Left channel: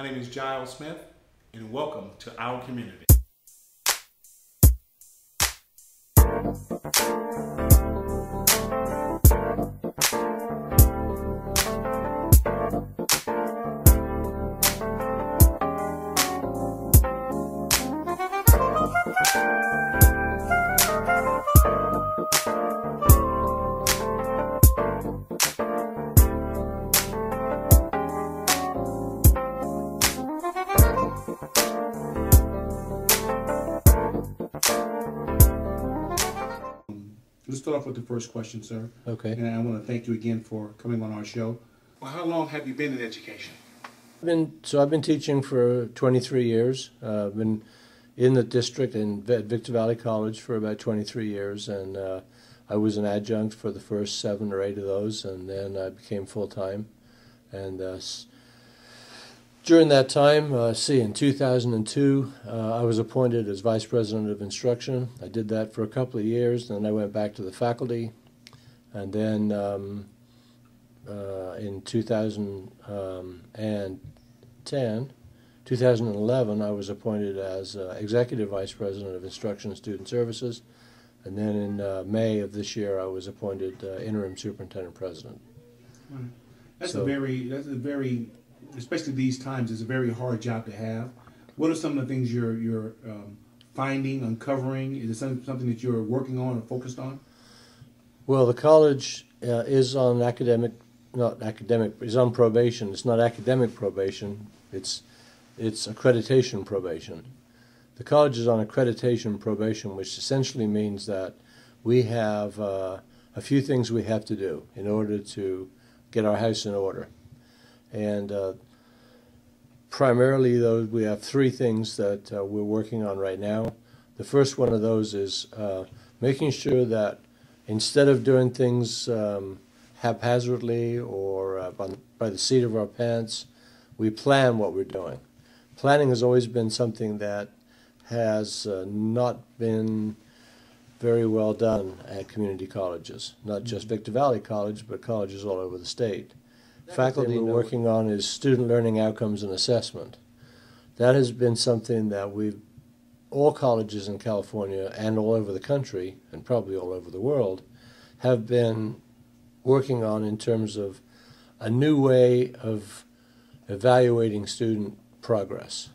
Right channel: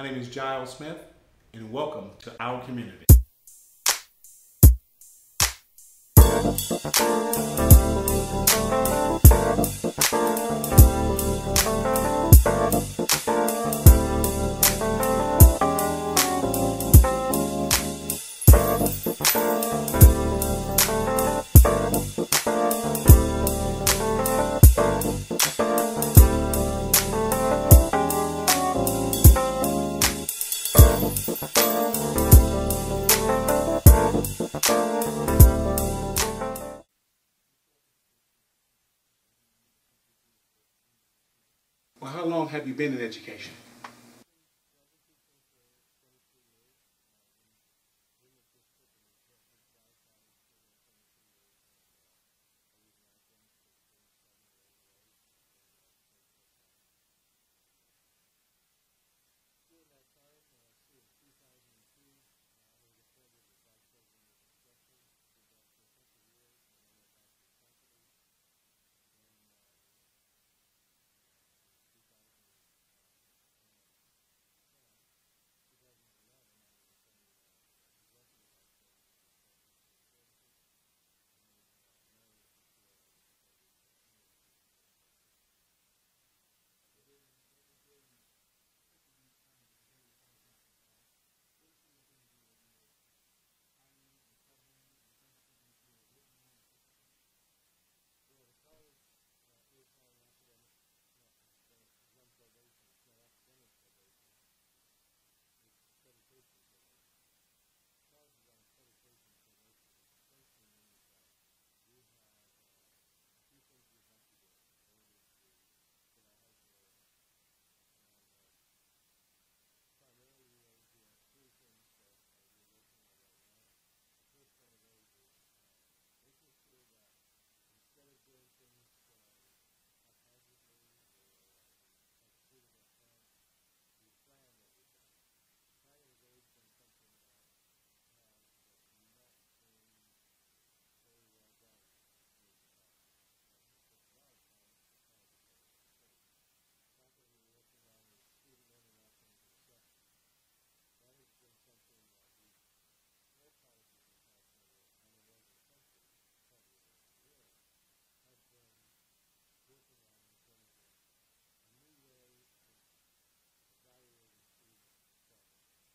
My name is Jiles Smith, and welcome to Our Community. Let's start off with the first question, sir. Okay. And I want to thank you again for coming on our show. Well, how long have you been in education? I've been teaching for 23 years. I've been in the district in Victor Valley College for about 23 years, and I was an adjunct for the first 7 or 8 of those, and then I became full-time. And during that time, in 2002, I was appointed as Vice President of Instruction. I did that for a couple of years, and then I went back to the faculty. And then in 2011, I was appointed as Executive Vice President of Instruction and Student Services. And then in May of this year, I was appointed interim superintendent president. That's a very, especially these times, it's a very hard job to have. What are some of the things you're finding, uncovering? Is it something that you're working on or focused on? Well, the college is on is on probation. It's not academic probation. It's accreditation probation. The college is on accreditation probation, which essentially means that we have a few things we have to do in order to get our house in order. And primarily, we have 3 things that we're working on right now. The first one of those is making sure that instead of doing things haphazardly or by the seat of our pants, we plan what we're doing. Planning has always been something that has not been very well done at community colleges, not just Victor Valley College, but colleges all over the state. Faculty we're working on is student learning outcomes and assessment. That has been something that all colleges in California and all over the country, and probably all over the world, have been working on in terms of a new way of evaluating student progress.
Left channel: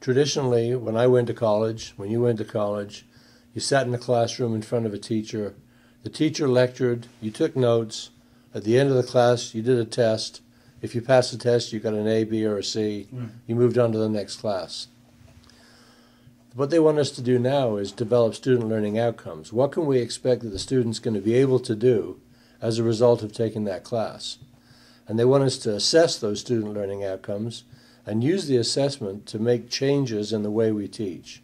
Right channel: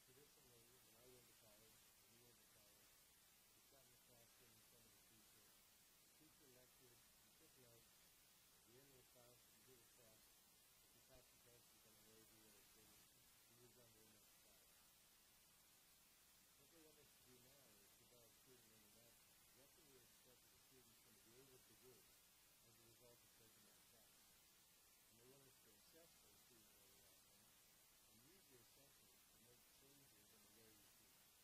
Traditionally, when I went to college, when you went to college, you sat in a classroom in front of a teacher. The teacher lectured, you took notes. At the end of the class, you did a test. If you passed the test, you got an A, B, or a C. Right. You moved on to the next class. What they want us to do now is develop student learning outcomes. What can we expect that the student's going to be able to do as a result of taking that class? And they want us to assess those student learning outcomes and use the assessment to make changes in the way we teach.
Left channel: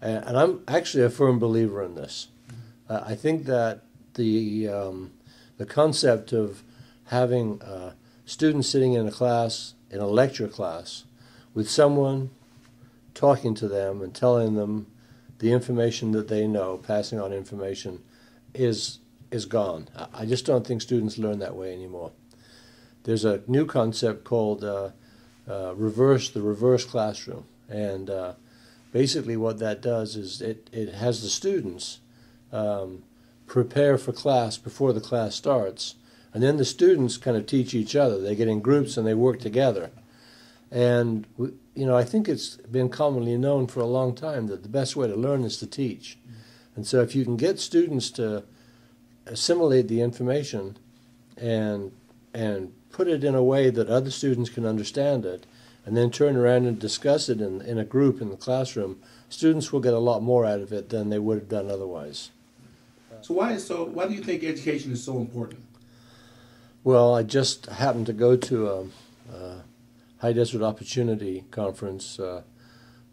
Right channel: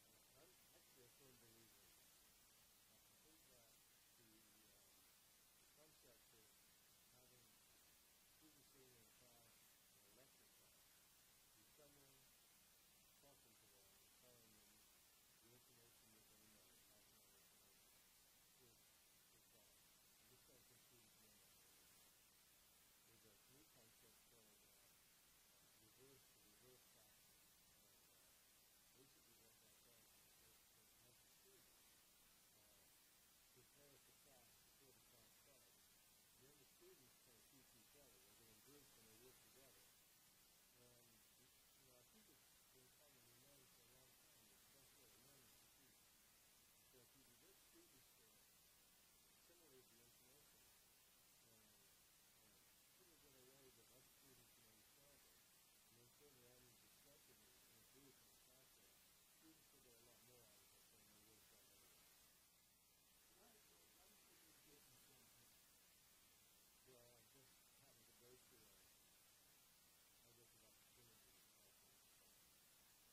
And I'm actually a firm believer in this. I think that the concept of having students sitting in a class, in a lecture class, with someone talking to them and telling them the information that they know, passing on information, is gone. I just don't think students learn that way anymore. There's a new concept called the reverse classroom, and basically what that does is it has the students prepare for class before the class starts, and then the students kind of teach each other. They get in groups and they work together. And I think it's been commonly known for a long time that the best way to learn is to teach. And so if you can get students to assimilate the information and put it in a way that other students can understand it, and then turn around and discuss it in a group in the classroom, students will get a lot more out of it than they would have done otherwise. So why do you think education is so important? Well, I just happened to go to a High Desert Opportunity Conference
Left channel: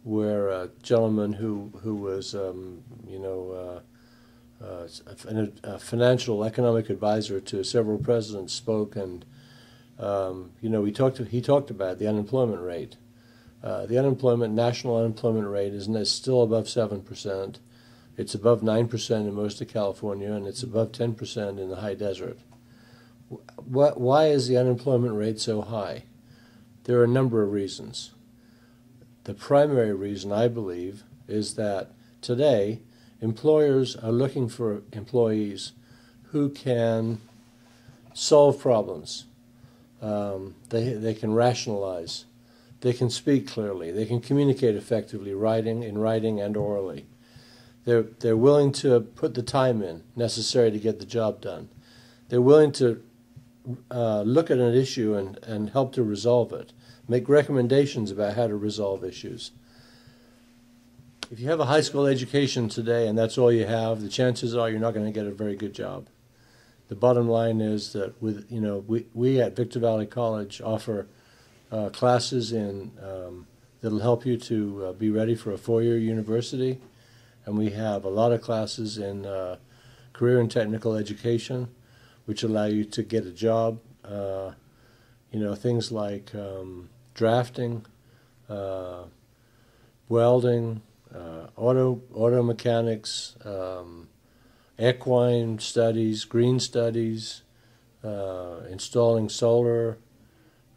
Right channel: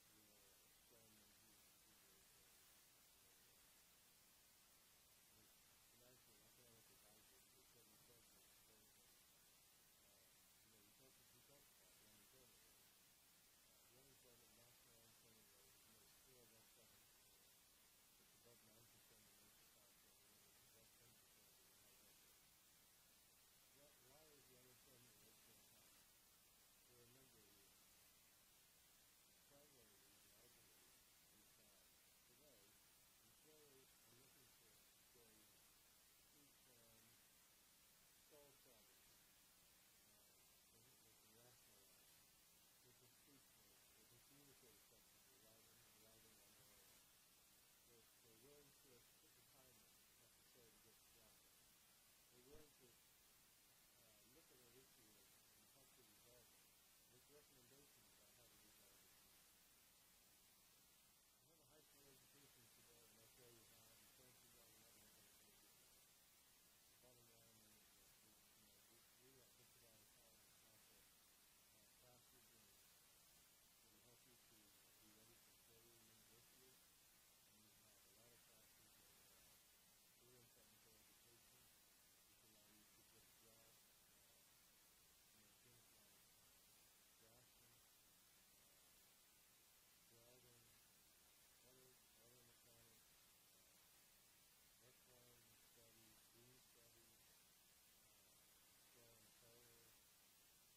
where a gentleman who was, a financial economic advisor to several presidents spoke, and he talked about the unemployment rate. The national unemployment rate is still above 7%. It's above 9% in most of California, and it's above 10% in the high desert. Why is the unemployment rate so high? There are a number of reasons. The primary reason, I believe, is that today employers are looking for employees who can solve problems. They can rationalize. They can speak clearly. They can communicate effectively, in writing and orally. They're willing to put the time in necessary to get the job done. They're willing to look at an issue and help to resolve it, make recommendations about how to resolve issues. If you have a high school education today and that's all you have, the chances are you're not going to get a very good job. The bottom line is that we at Victor Valley College offer classes that'll help you to be ready for a four-year university, and we have a lot of classes in career and technical education, which allow you to get a job. Things like drafting, welding, auto mechanics, equine studies, green studies, installing solar.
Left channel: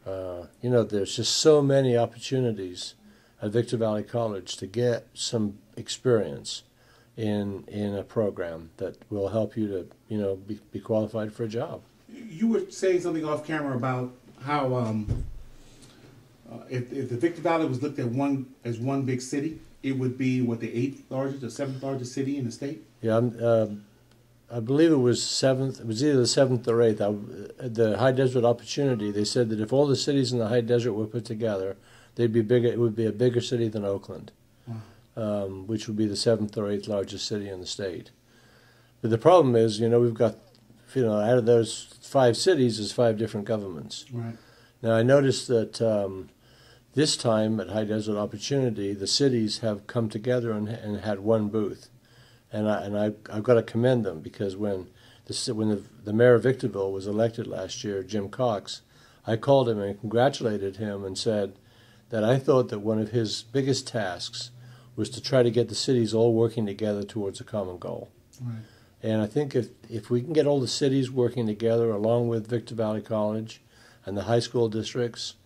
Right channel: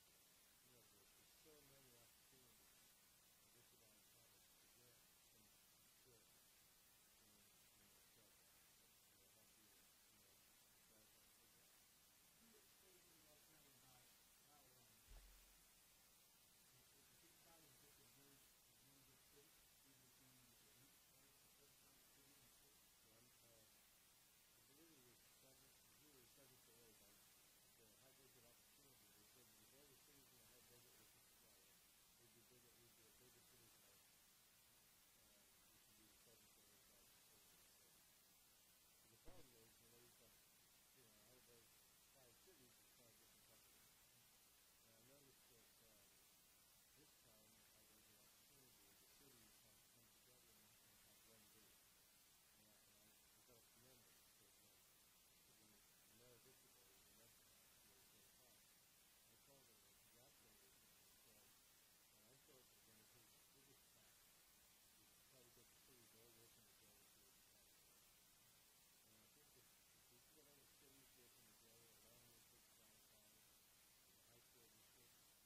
There's just so many opportunities at Victor Valley College to get some experience in a program that will help you to be qualified for a job. You were saying something off camera about how if the Victor Valley was looked at as one big city, it would be the 8th largest or 7th largest city in the state? Yeah, I believe it was 7th. It was either the 7th or 8th. The High Desert Opportunity, they said that if all the cities in the High Desert were put together, they'd be bigger. It would be a bigger city than Oakland, which would be the 7th or 8th largest city in the state. But the problem is, we've got, out of those 5 cities, there's 5 different governments. Right. Now, I noticed that this time at High Desert Opportunity, the cities have come together and had one booth. And I've got to commend them, because when the mayor of Victorville was elected last year, Jim Cox, I called him and congratulated him and said that I thought that one of his biggest tasks was to try to get the cities all working together towards a common goal. Right. And I think if we can get all the cities working together along with Victor Valley College and the high school districts,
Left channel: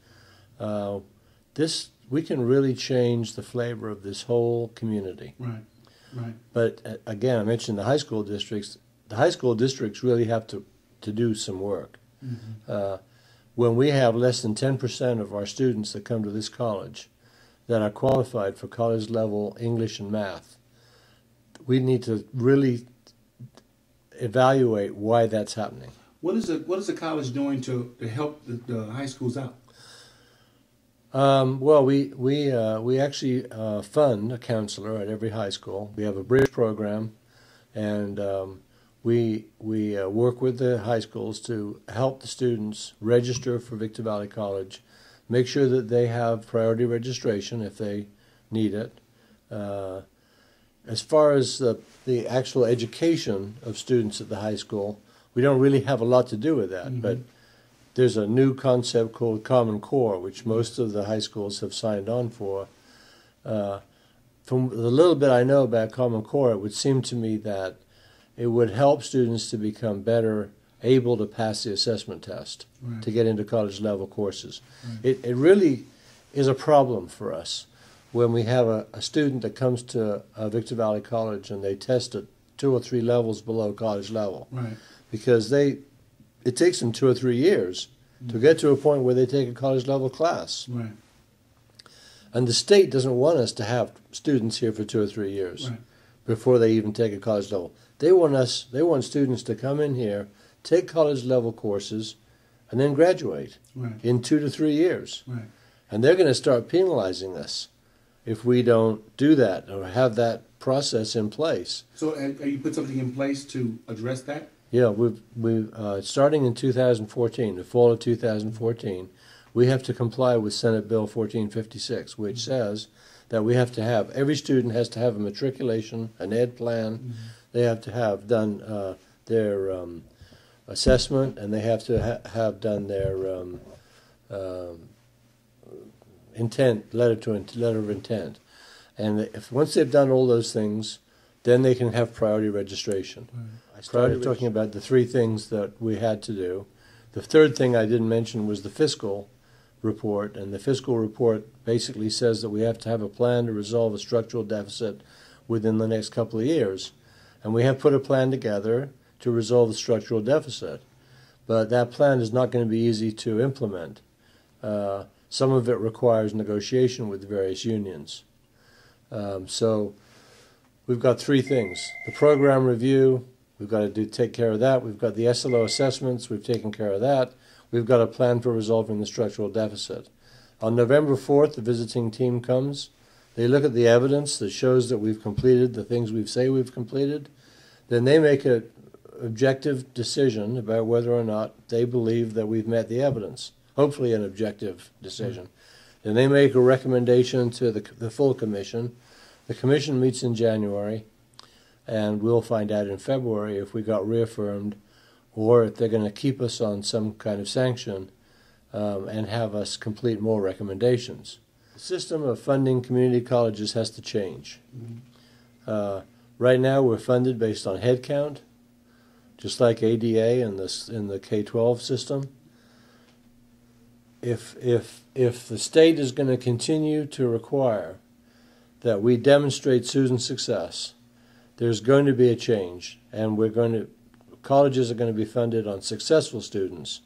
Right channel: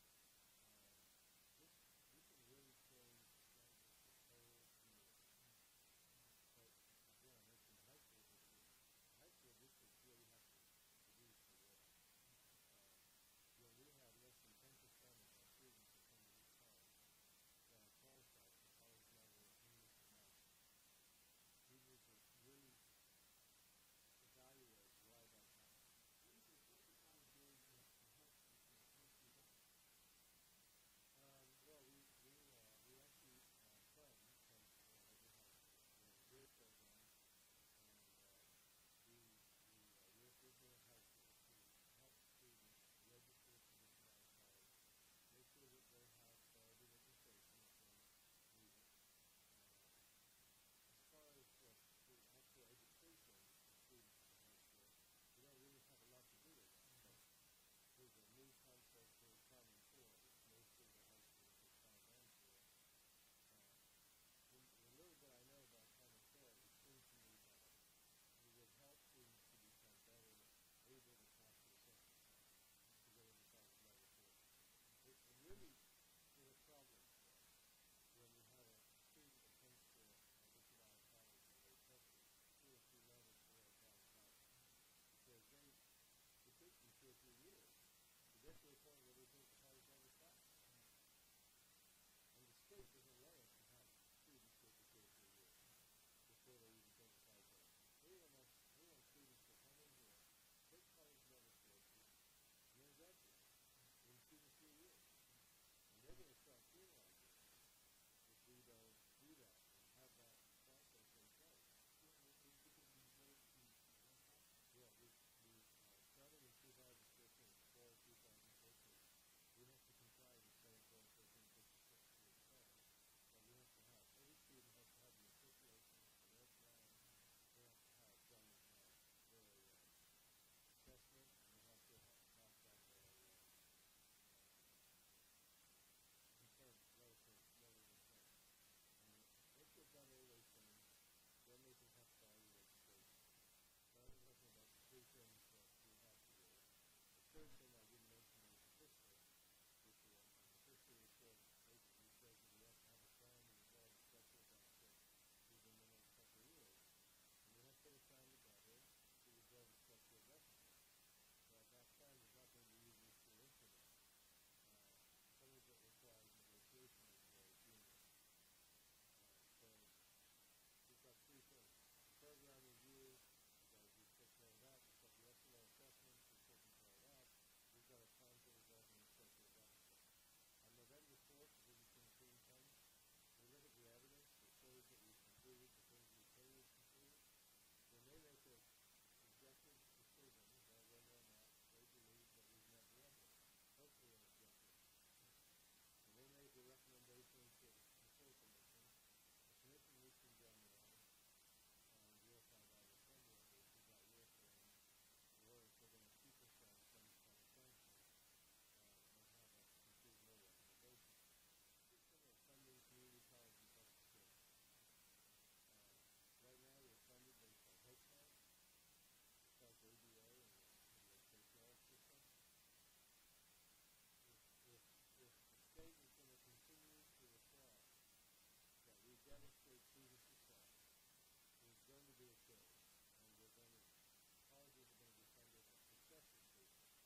we can really change the flavor of this whole community. Right. Right. But again, I mentioned the high school districts. The high school districts really have to do some work. Mm-hmm. When we have less than 10% of our students that come to this college that are qualified for college level English and math, we need to really evaluate why that's happening. What is the college doing to help the high schools out? Well, we actually fund a counselor at every high school. We have a bridge program, and we work with the high schools to help the students register for Victor Valley College, make sure that they have priority registration if they need it. As far as the actual education of students at the high school, we don't really have a lot to do with that, mm-hmm. but there's a new concept called Common Core, which most of the high schools have signed on for. From the little bit I know about Common Core, it would seem to me that it would help students to become better able to pass the assessment test, right. to get into college level courses. Right. It really is a problem for us when we have a student that comes to Victor Valley College and they test at 2 or 3 levels below college level. Right. Because it takes them 2 or 3 years to get to a point where they take a college level class. Right. And the state doesn't want us to have students here for 2 or 3 years right. before they even take a college level. They want students to come in here, take college level courses, and then graduate right. in 2 to 3 years. Right. And they're going to start penalizing us if we don't do that or have that process in place. So have you put something in place to address that? Yeah, we've starting in 2014, the fall of 2014, we have to comply with Senate Bill 1456, which mm-hmm. says that we have to have, every student has to have a matriculation, an ed plan, mm-hmm. they have to have done their assessment, and they have to have done their letter of intent. And once they've done all those things, then they can have priority registration. Right. I started talking about the 3 things that we had to do. The third thing I didn't mention was the fiscal report, and the fiscal report basically says that we have to have a plan to resolve a structural deficit within the next couple of years. And we have put a plan together to resolve the structural deficit. But that plan is not going to be easy to implement. Some of it requires negotiation with the various unions. So we've got three things. The program review, we've got to take care of that. We've got the SLO assessments, we've taken care of that. We've got a plan for resolving the structural deficit. On November 4th, the visiting team comes. They look at the evidence that shows that we've completed the things we say we've completed. Then they make an objective decision about whether or not they believe that we've met the evidence. Hopefully an objective decision. Then they make a recommendation to the full commission. The commission meets in January, and we'll find out in February if we got reaffirmed or if they're going to keep us on some kind of sanction and have us complete more recommendations. The system of funding community colleges has to change. Right now we're funded based on head count, just like ADA in the K-12 system. If the state is going to continue to require that we demonstrate student success, there's going to be a change, and colleges are going to be funded on successful students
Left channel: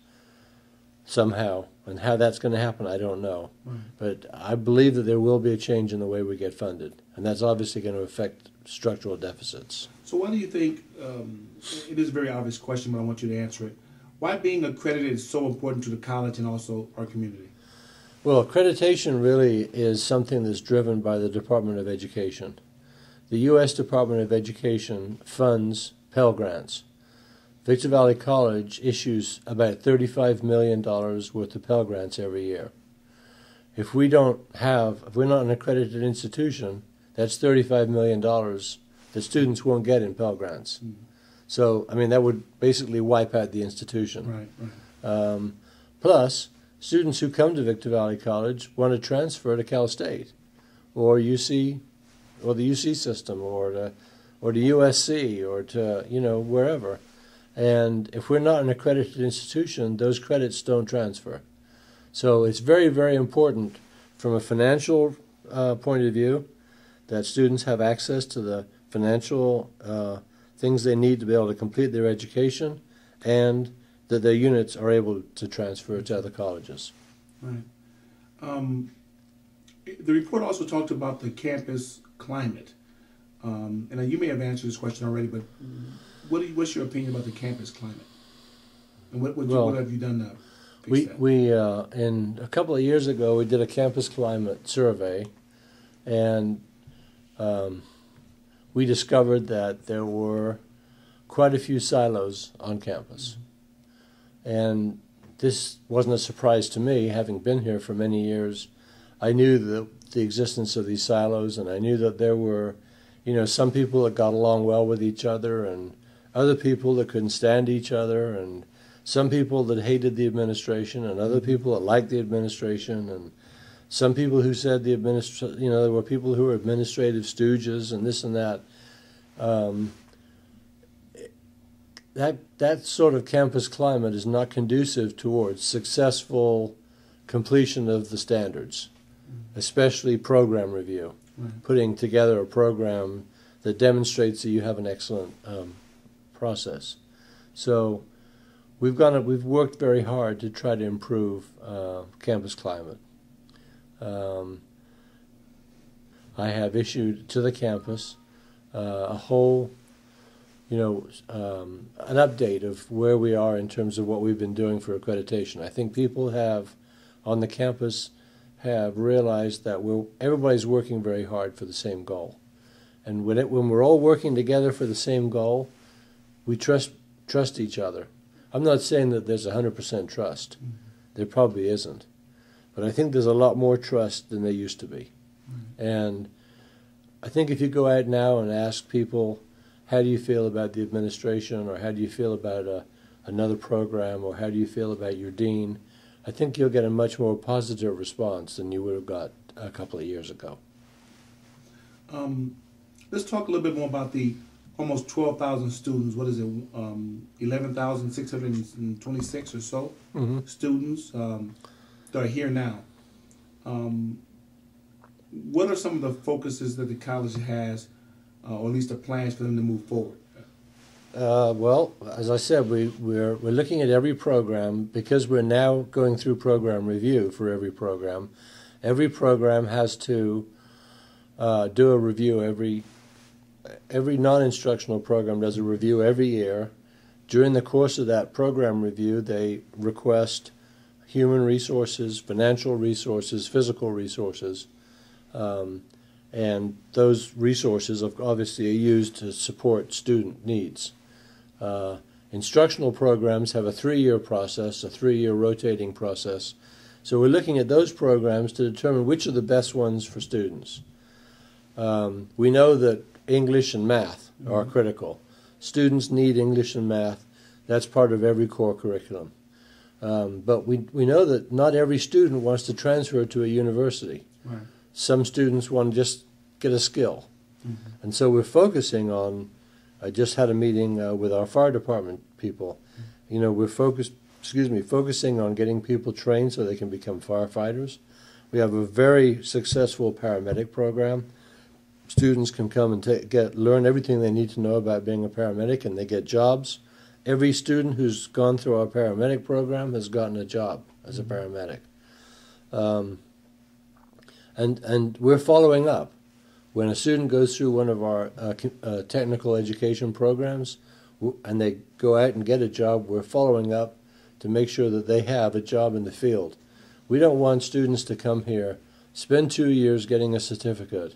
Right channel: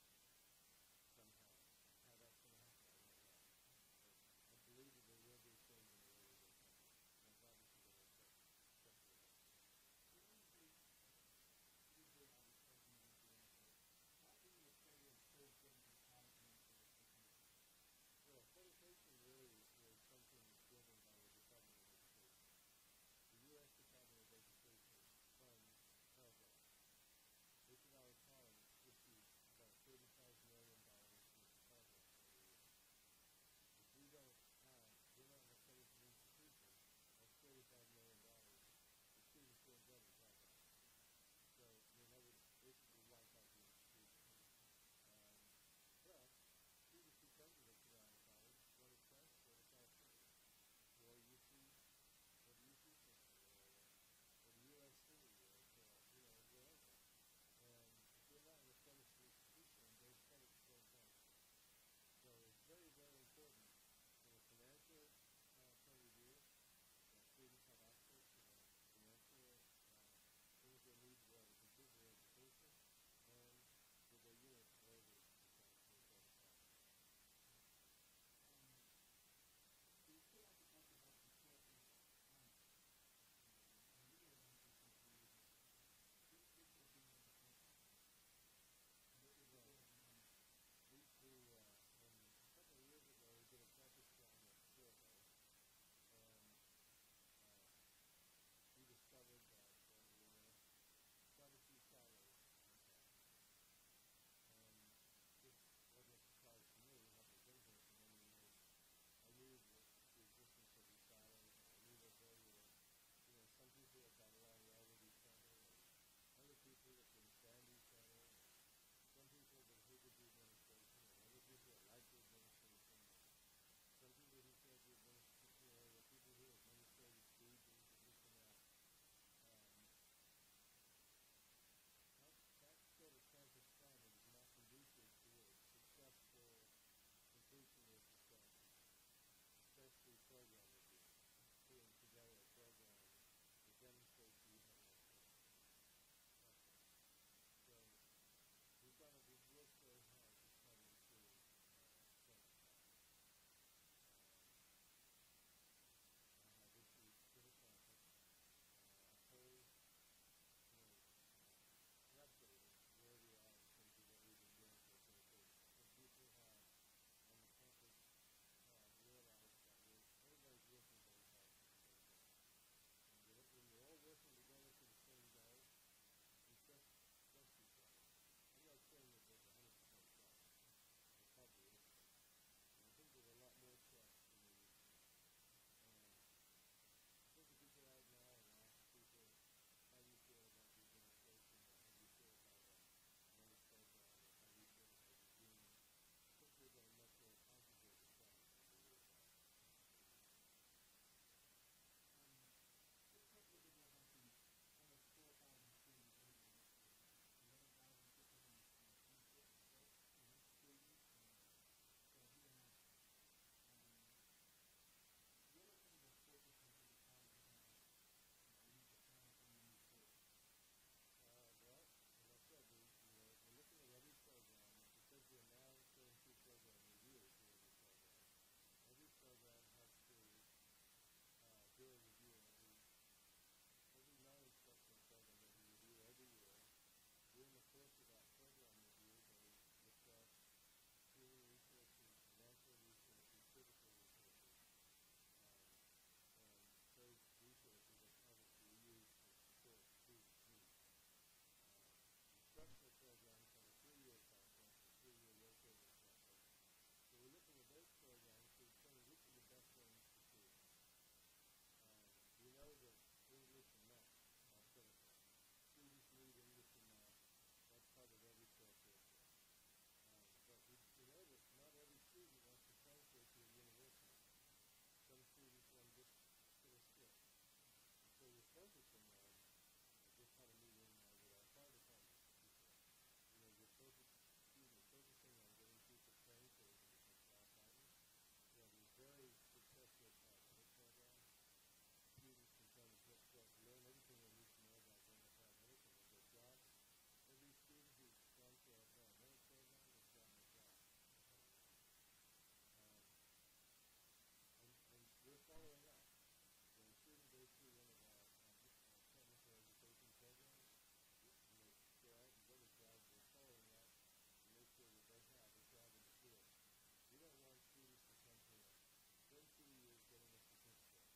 somehow, and how that's going to happen, I don't know. But I believe that there will be a change in the way we get funded, and that's obviously going to affect structural deficits. So why do you think, it is a very obvious question, but I want you to answer it, why being accredited is so important to the college and also our community? Well, accreditation really is something that's driven by the Department of Education. The U.S. Department of Education funds Pell Grants. Victor Valley College issues about $35 million worth of Pell Grants every year. If we're not an accredited institution, that's $35 million that students won't get in Pell Grants. So, I mean, that would basically wipe out the institution. Right. Plus, students who come to Victor Valley College want to transfer to Cal State or UC, or the UC system, or to USC, or to, wherever. And if we're not an accredited institution, those credits don't transfer. So it's very, very important from a financial point of view that students have access to the financial things they need to be able to complete their education, and that their units are able to transfer to other colleges. Right. The report also talked about the campus climate. And you may have answered this question already, but what's your opinion about the campus climate? And what have you done to fix that? We in a couple of years ago, we did a campus climate survey, and we discovered that there were quite a few silos on campus. And this wasn't a surprise to me, having been here for many years. I knew the existence of these silos, and I knew that there were, some people that got along well with each other, and other people that couldn't stand each other, and some people that hated the administration, and other people that liked the administration, and some people who said there were people who were administrative stooges and this and that. That sort of campus climate is not conducive towards successful completion of the standards, especially program review, putting together a program that demonstrates that you have an excellent process. So we've worked very hard to try to improve campus climate. I have issued to the campus a whole, an update of where we are in terms of what we've been doing for accreditation. I think people on the campus have realized that everybody's working very hard for the same goal. And when we're all working together for the same goal, we trust each other. I'm not saying that there's 100% trust. There probably isn't. But I think there's a lot more trust than there used to be. And I think if you go out now and ask people, how do you feel about the administration, or how do you feel about another program, or how do you feel about your dean, I think you'll get a much more positive response than you would have got a couple of years ago. Let's talk a little bit more about the almost 12,000 students. What is it, 11,626 or so students? that are here now, what are some of the focuses that the college has, or at least the plans for them to move forward? Well, as I said, we're looking at every program because we're now going through program review for every program. Every program has to do a review every non-instructional program does a review every year. During the course of that program review, they request human resources, financial resources, physical resources, and those resources obviously are used to support student needs. Instructional programs have a 3-year process, a 3-year rotating process. So we're looking at those programs to determine which are the best ones for students. We know that English and math are critical. Students need English and math. That's part of every core curriculum. But we know that not every student wants to transfer to a university. Right. Some students want to just get a skill. Mm-hmm. And so we're focusing on, I just had a meeting with our fire department people. Mm-hmm. You know, we're focusing on getting people trained so they can become firefighters. We have a very successful paramedic program. Students can come and learn everything they need to know about being a paramedic, and they get jobs. Every student who's gone through our paramedic program has gotten a job as a paramedic. And we're following up. When a student goes through one of our technical education programs and they go out and get a job, we're following up to make sure that they have a job in the field. We don't want students to come here, spend 2 years getting a certificate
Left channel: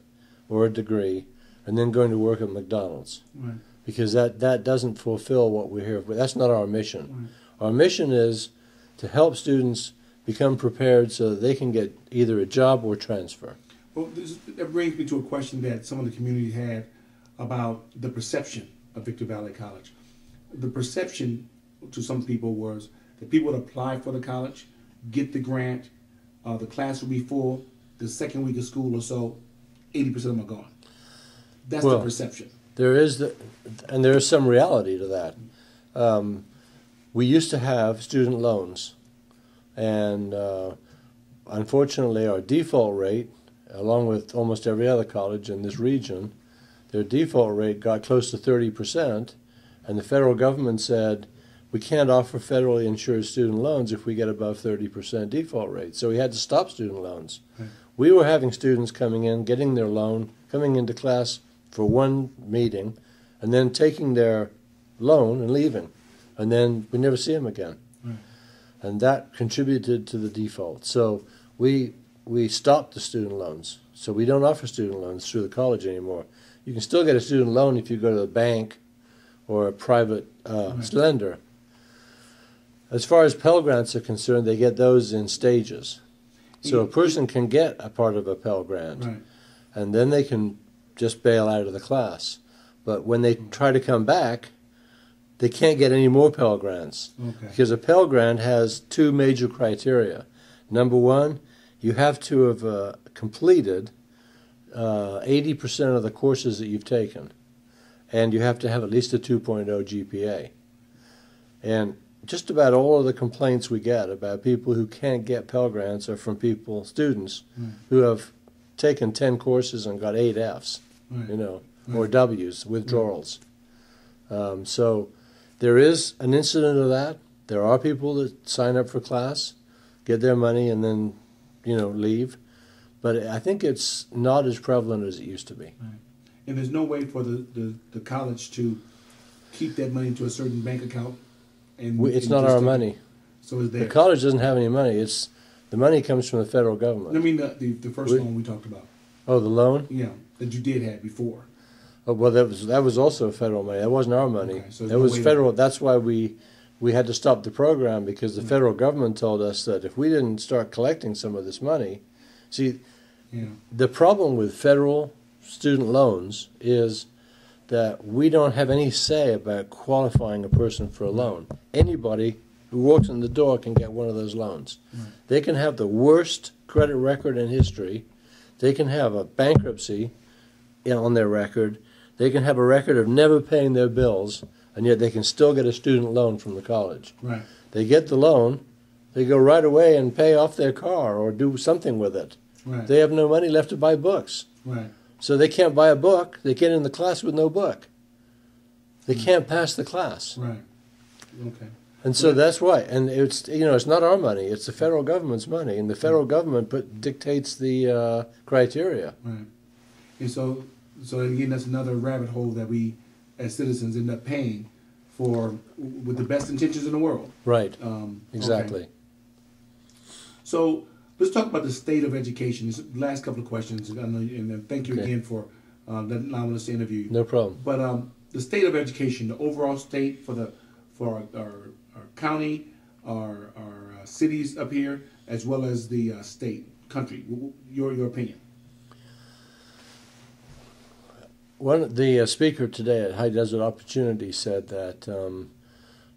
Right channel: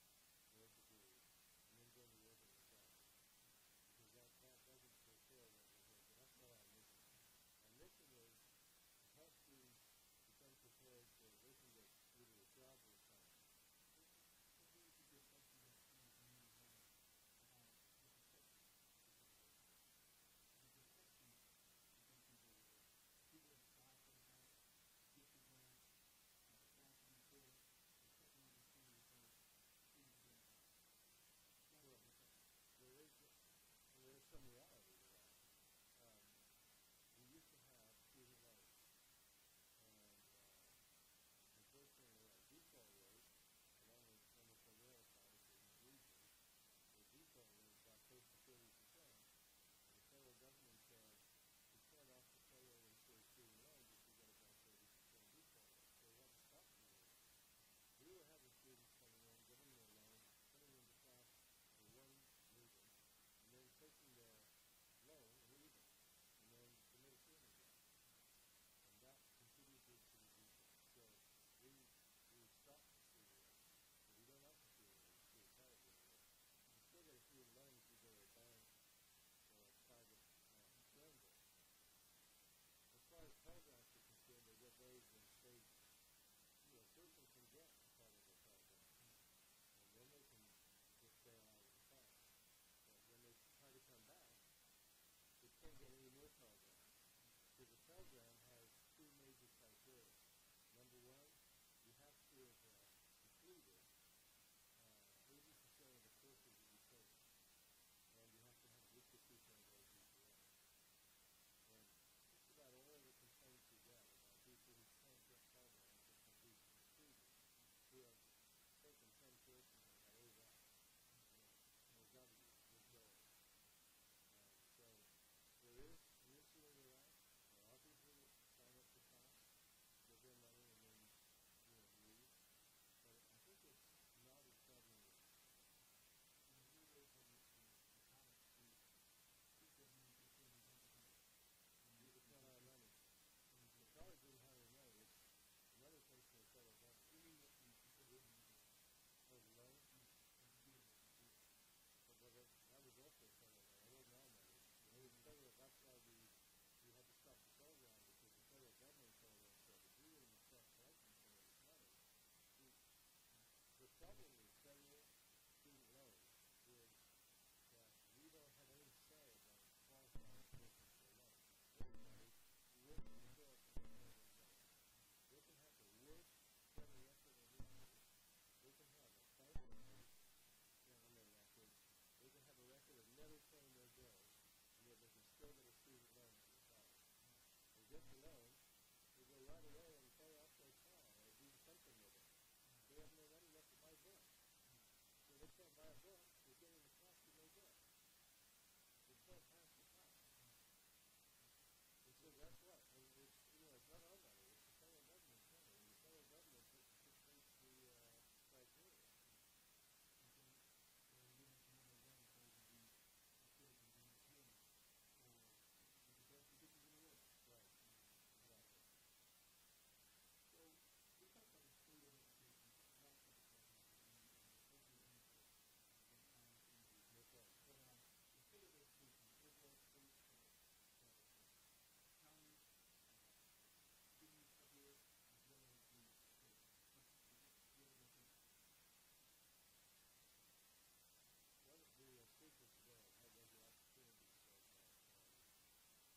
or a degree, and then going to work at McDonald's. Right. Because that doesn't fulfill what we're here for. That's not our mission. Right. Our mission is to help students become prepared so that they can get either a job or transfer. Well, that brings me to a question that some of the community had about the perception of Victor Valley College. The perception to some people was that people would apply for the college, get the grant, the class would be full, the second week of school or so, 80% of them are gone. That's the perception. There is and there is some reality to that. We used to have student loans, and unfortunately our default rate, along with almost every other college in this region, their default rate got close to 30%, and the federal government said, we can't offer federally insured student loans if we get above 30% default rate. So we had to stop student loans. Right. We were having students coming in, getting their loan, coming into class for one meeting, and then taking their loan and leaving. And then we never see them again. Right. And that contributed to the default. So we stopped the student loans. So we don't offer student loans through the college anymore. You can still get a student loan if you go to the bank or a private lender. As far as Pell Grants are concerned, they get those in stages. So a person can get a part of a Pell Grant, right, and then they can just bail out of the class. But when they try to come back, they can't get any more Pell Grants. Okay. Because a Pell Grant has 2 major criteria. Number one, you have to have completed 80% of the courses that you've taken, and you have to have at least a 2.0 GPA. And just about all of the complaints we get about people who can't get Pell Grants are from students who have taken 10 courses and got 8 Fs, or Ws, withdrawals. So there is an incident of that. There are people that sign up for class, get their money, and then, leave. But I think it's not as prevalent as it used to be. Right. And there's no way for the college to keep that money into a certain bank account? It's not our money. So is there. The college doesn't have any money. The money comes from the federal government. I mean the first loan we talked about. Oh, the loan? Yeah, that you did have before. Oh, well, that was also federal money. That wasn't our money. Okay, so that was federal. That's why we had to stop the program, because the federal government told us that if we didn't start collecting some of this money, the problem with federal student loans is that we don't have any say about qualifying a person for a loan. Anybody who walks in the door can get one of those loans. Right. They can have the worst credit record in history. They can have a bankruptcy on their record. They can have a record of never paying their bills, and yet they can still get a student loan from the college. Right. They get the loan, They go right away and pay off their car or do something with it. Right. They have no money left to buy books. Right. So they can't buy a book. They get in the class with no book. They can't pass the class. Right. Okay. And so that's why. And it's, you know, it's not our money. It's the federal government's money. And the federal government dictates the criteria. Right. And so again, that's another rabbit hole that we, as citizens, end up paying for with the best intentions in the world. Right. Exactly. Okay. So let's talk about the state of education. This last couple of questions, and thank you again for allowing us to interview you. No problem. But the state of education, the overall state for our county, our cities up here, as well as the state, country. Your opinion. The speaker today at High Desert Opportunity said that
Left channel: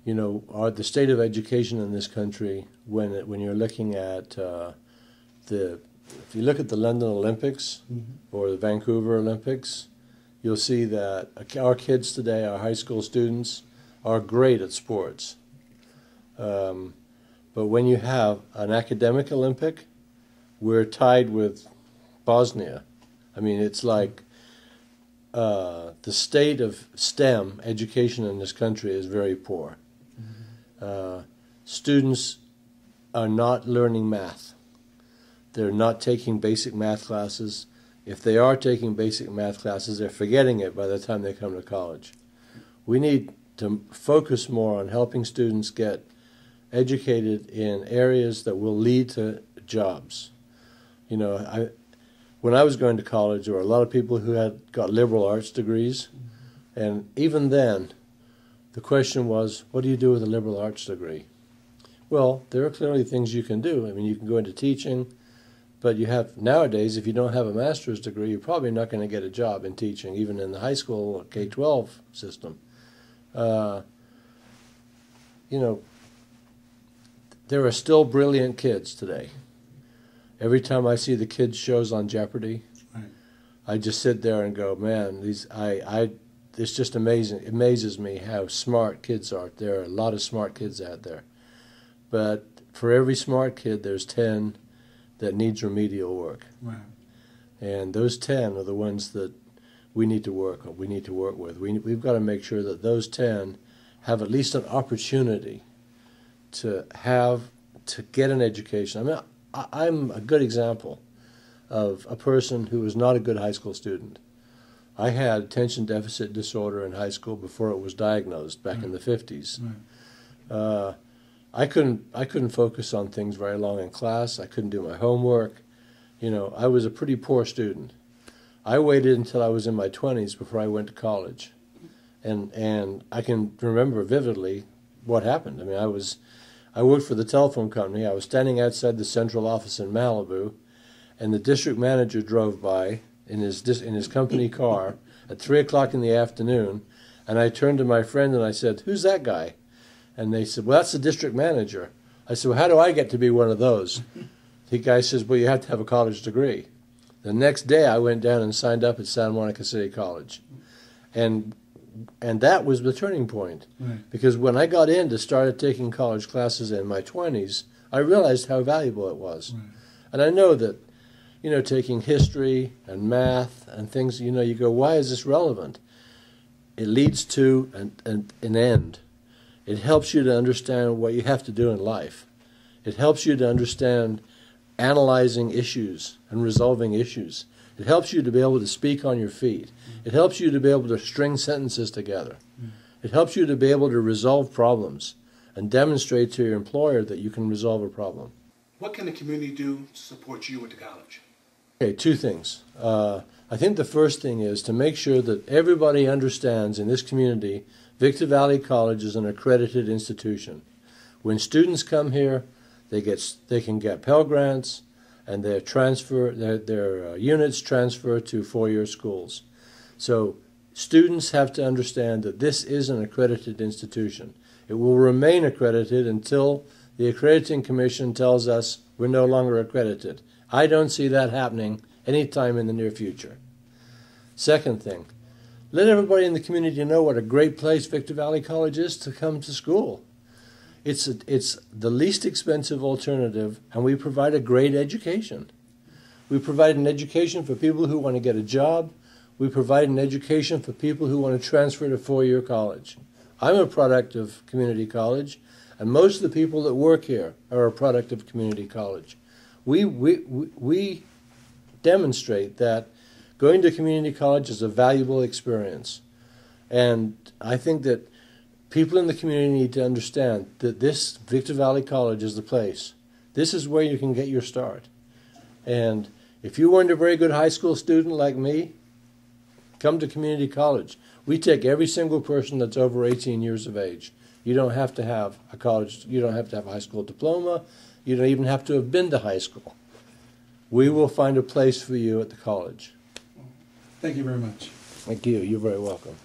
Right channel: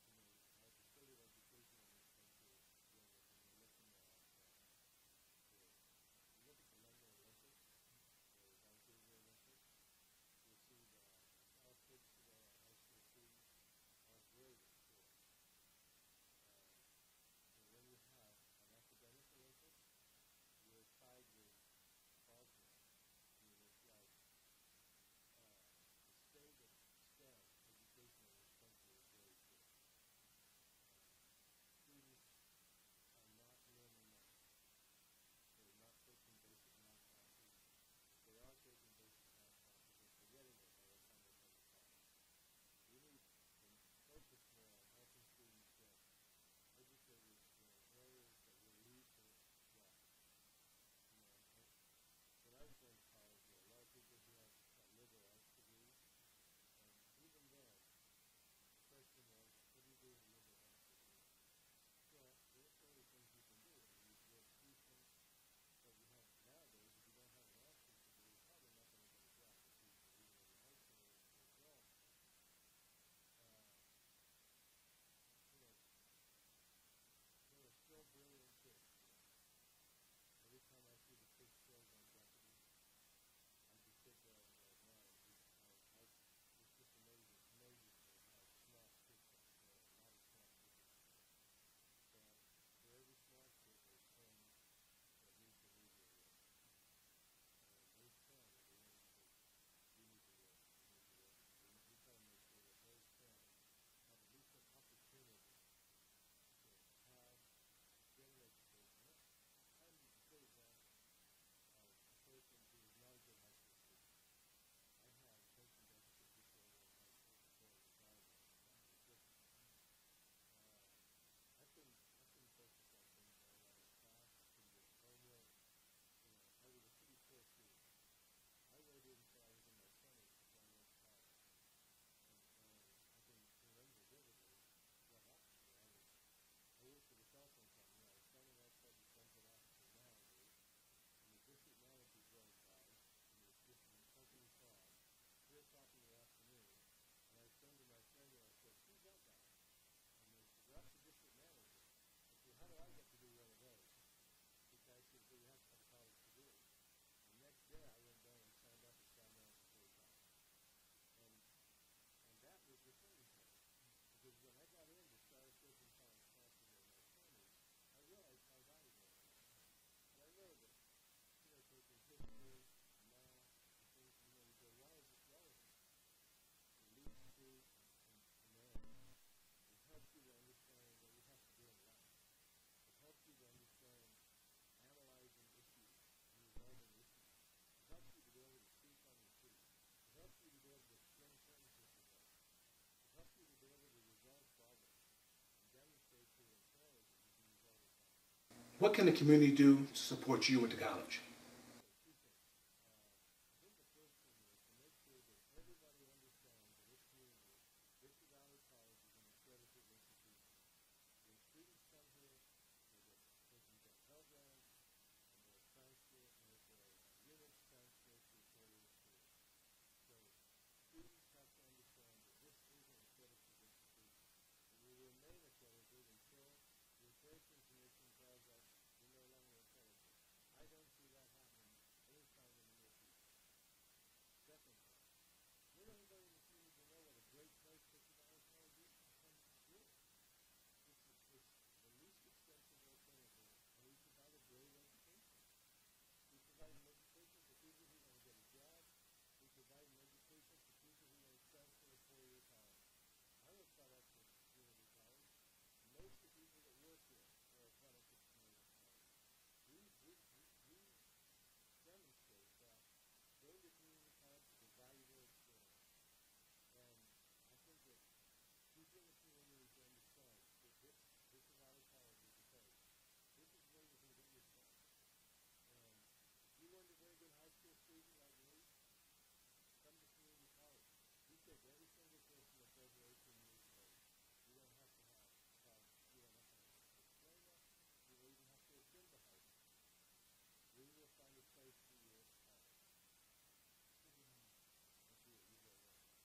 you know, the state of education in this country, when you're looking at if you look at the London Olympics or the Vancouver Olympics, you'll see that our kids today, our high school students, are great at sports. But when you have an academic Olympic, we're tied with Bosnia. I mean, it's like the state of STEM education in this country is very poor. Students are not learning math. They're not taking basic math classes. If they are taking basic math classes, they're forgetting it by the time they come to college. We need to focus more on helping students get educated in areas that will lead to jobs. You know, when I was going to college, there were a lot of people who had got liberal arts degrees, and even then, the question was, what do you do with a liberal arts degree? Well, there are clearly things you can do. I mean, you can go into teaching, but you have, nowadays, if you don't have a master's degree, you're probably not going to get a job in teaching, even in the high school K-12 system. You know, there are still brilliant kids today. Every time I see the kids shows on Jeopardy, right, I just sit there and go, man, it's just amazing. It amazes me how smart kids are. There are a lot of smart kids out there. But for every smart kid, there's 10 that needs remedial work. Right. And those 10 are the ones that we need to work with. We've got to make sure that those 10 have at least an opportunity to get an education. I mean, I'm a good example of a person who was not a good high school student. I had attention deficit disorder in high school before it was diagnosed back in the 50s. Right. I couldn't focus on things very long in class. I couldn't do my homework. You know, I was a pretty poor student. I waited until I was in my 20s before I went to college. And I can remember vividly what happened. I mean, I worked for the telephone company. I was standing outside the central office in Malibu, and the district manager drove by in his company car at 3 o'clock in the afternoon, and I turned to my friend and I said, "Who's that guy?" And they said, "Well, that's the district manager." I said, "Well, how do I get to be one of those?" The guy says, "Well, you have to have a college degree." The next day, I went down and signed up at Santa Monica City College, and that was the turning point. Right. Because when I got in to start taking college classes in my 20s, I realized how valuable it was. Right. And I know that, you know, taking history and math and things, you know, you go, why is this relevant? It leads to an end. It helps you to understand what you have to do in life. It helps you to understand analyzing issues and resolving issues. It helps you to be able to speak on your feet. It helps you to be able to string sentences together. It helps you to be able to resolve problems and demonstrate to your employer that you can resolve a problem. What can the community do to support you at the college? Okay, two things. I think the first thing is to make sure that everybody understands in this community Victor Valley College is an accredited institution. When students come here, they can get Pell Grants, and their units transfer to four-year schools. So students have to understand that this is an accredited institution. It will remain accredited until the accrediting commission tells us we're no longer accredited. I don't see that happening anytime in the near future. Second thing, let everybody in the community know what a great place Victor Valley College is to come to school. It's the least expensive alternative, and we provide a great education. We provide an education for people who want to get a job. We provide an education for people who want to transfer to four-year college. I'm a product of community college, and most of the people that work here are a product of community college. We demonstrate that going to community college is a valuable experience. And I think that people in the community need to understand that this Victor Valley College is the place. This is where you can get your start. And if you weren't a very good high school student like me, come to community college. We take every single person that's over 18 years of age. You don't have to have a college, you don't have to have a high school diploma, you don't even have to have been to high school. We will find a place for you at the college. Thank you very much. Thank you. You're very welcome.